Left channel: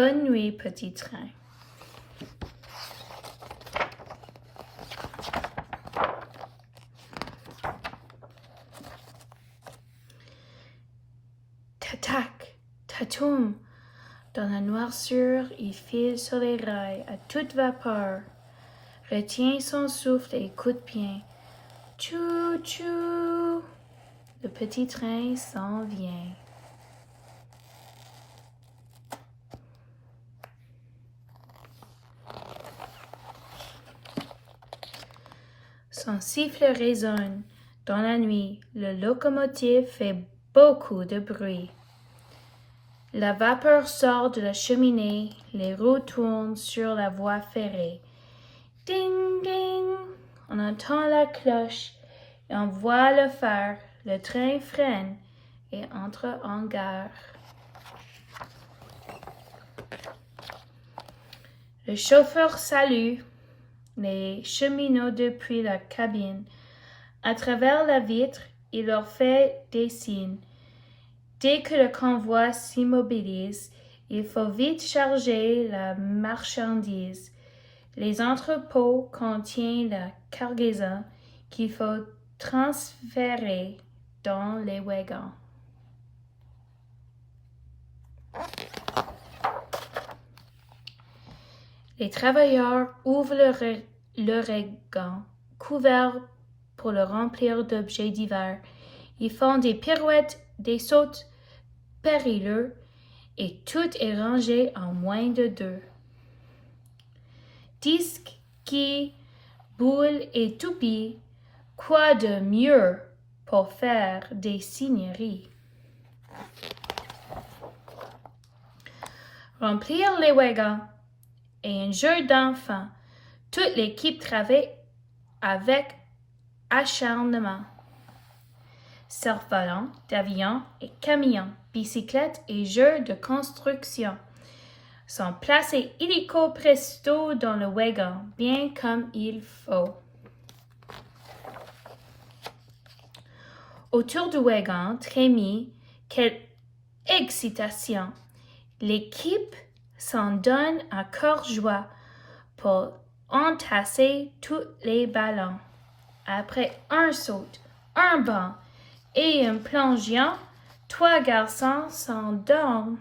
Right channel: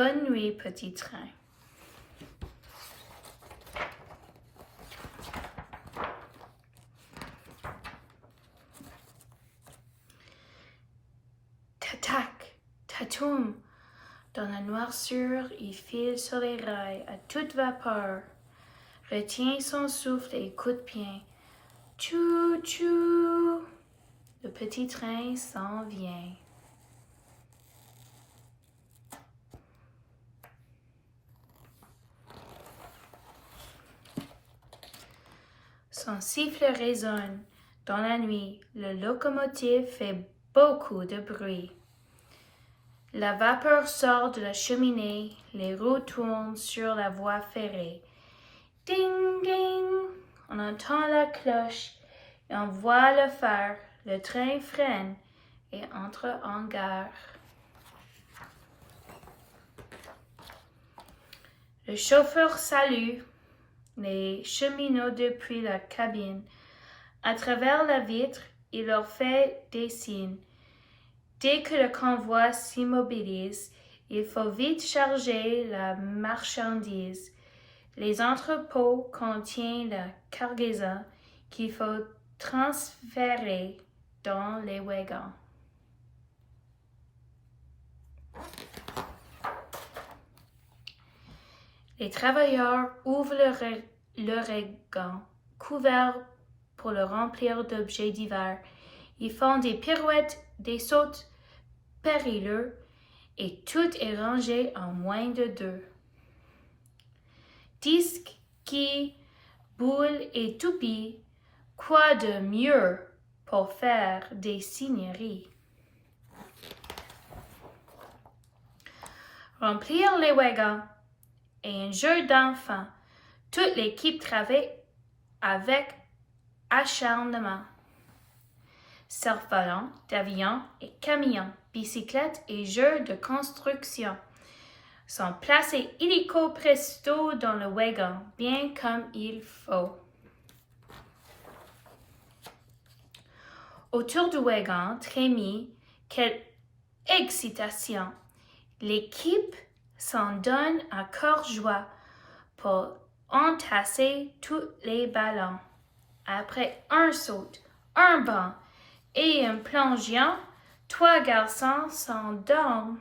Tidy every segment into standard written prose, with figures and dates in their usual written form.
Bonne nuit, petit train. Tac, tatoum. Dans la noirceur, il file sur les rails à toute vapeur, retient son souffle et écoute bien. Tchou, tchou. Le petit train s'en vient. Son sifflet résonne. Dans la nuit, le locomotive fait beaucoup de bruit. La vapeur sort de la cheminée, les roues tournent sur la voie ferrée. Ding, ding! On entend la cloche et on voit le phare. Le train freine et entre en gare. Le chauffeur salue les cheminots depuis la cabine. À travers la vitre, il leur fait des signes. Dès que le convoi s'immobilise, il faut vite charger la marchandise. Les entrepôts contiennent la cargaison qu'il faut transférer dans les wagons. Les travailleurs ouvrent le wagon couvert pour le remplir d'objets divers. Ils font des pirouettes, des sautes périlleux, et tout est rangé en moins de 2. Duskey, boule et toupie, quoi de mieux pour faire des signeries? Remplir les wagons est un jeu d'enfant. Toute l'équipe travaille avec acharnement. Cerfs-volants, d'avions et camions, bicyclettes et jeux de construction sont placés illico presto dans le wagon, bien comme il faut. Autour du wagon trémit quelle excitation! L'équipe s'en donne à cœur joie pour entasser tous les ballons. Après un saut, un bond et un plongeon, 3 garçons s'endorment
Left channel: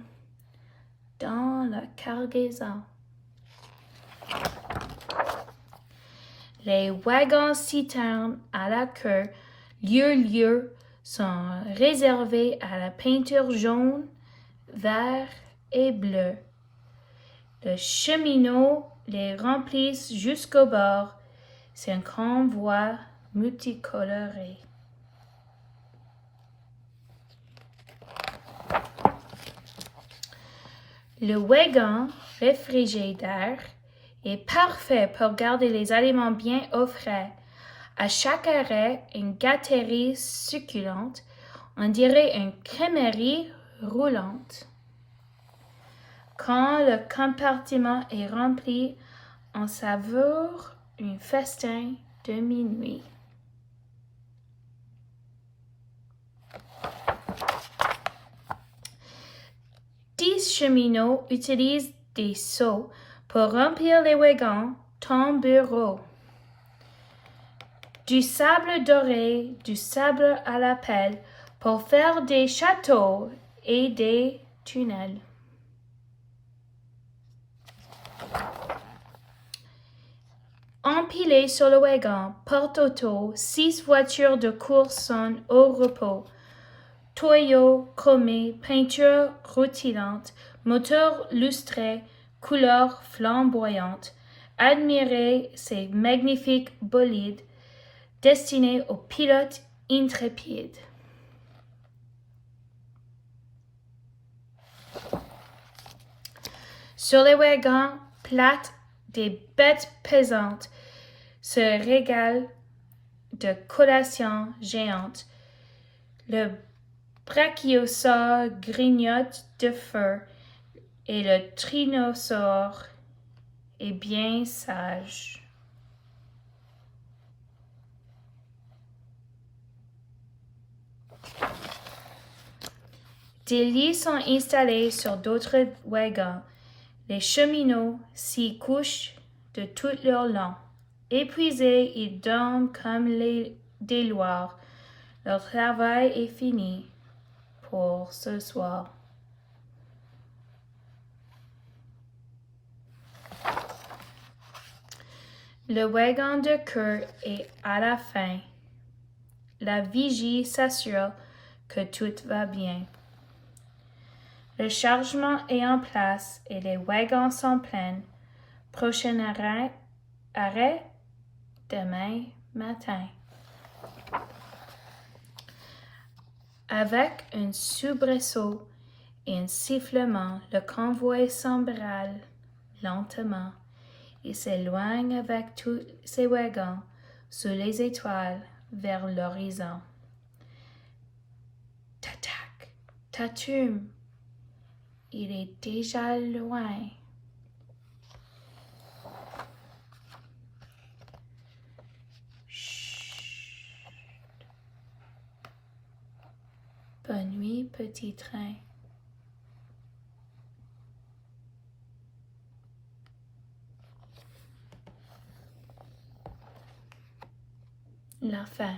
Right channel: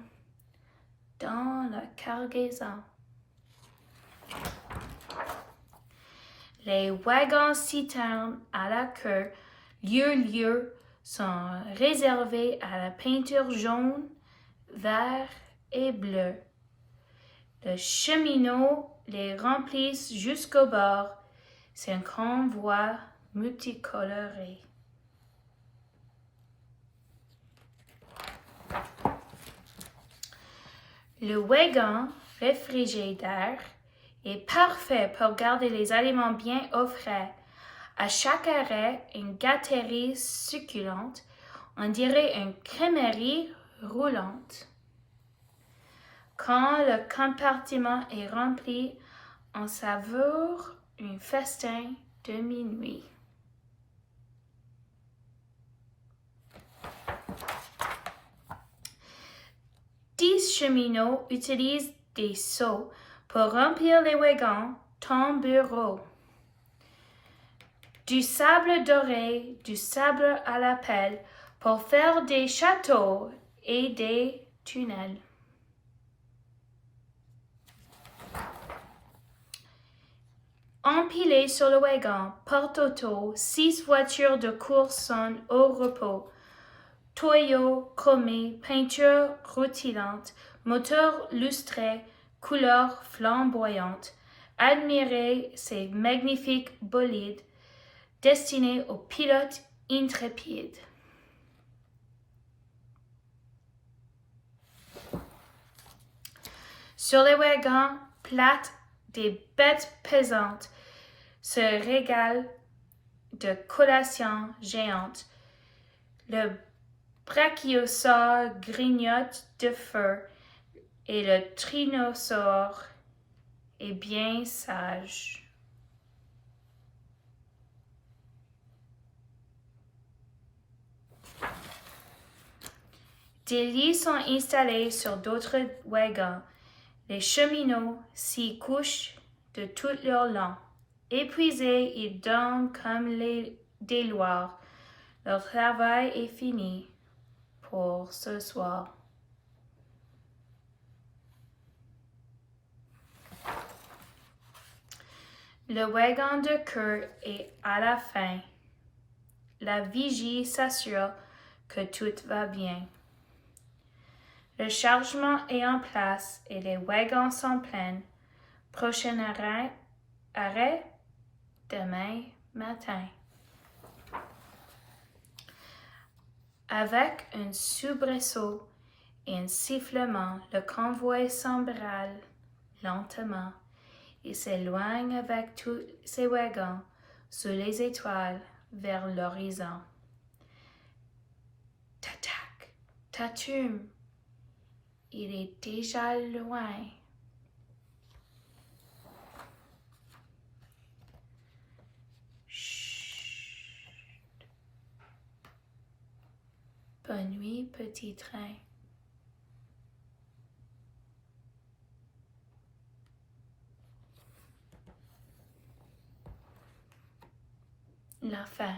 dans la cargaison. Les wagons citernes à la queue, lieu, sont réservés à la peinture jaune, vert et bleu. Les cheminots les remplissent jusqu'au bord. C'est un convoi multicoloré. Le wagon réfrigérateur est parfait pour garder les aliments bien au frais. À chaque arrêt, une gâterie succulente, on dirait une crèmerie roulante. Quand le compartiment est rempli, on savoure un festin de minuit. Dix cheminots utilisent des seaux pour remplir les wagons, ton bureau. Du sable doré, du sable à la pelle pour faire des châteaux et des tunnels. Empilées sur le wagon, porte-auto, 6 voitures de course sont au repos. Toyaux chromés, peinture rutilante, moteur lustré, couleurs flamboyantes. Admirez ces magnifiques bolides destinés aux pilotes intrépides. Sur les wagons plates, des bêtes pesantes se régalent de collations géantes. Le brachiosaure grignote de feu et le tyrannosaure est bien sage. Des lits sont installés sur d'autres wagons. Les cheminots s'y couchent de tout leur long. Épuisés, ils dorment comme des loirs. Leur travail est fini pour ce soir. Le wagon de queue est à la fin. La vigie s'assure que tout va bien. Le chargement est en place et les wagons sont pleins. Prochain arrêt demain matin. Avec un soubresaut et un sifflement, le convoi s'emballe lentement. Il s'éloigne avec tous ses wagons sous les étoiles vers l'horizon. Tac, tatum, il est déjà loin. Chut. Bonne nuit, petit train. La fin.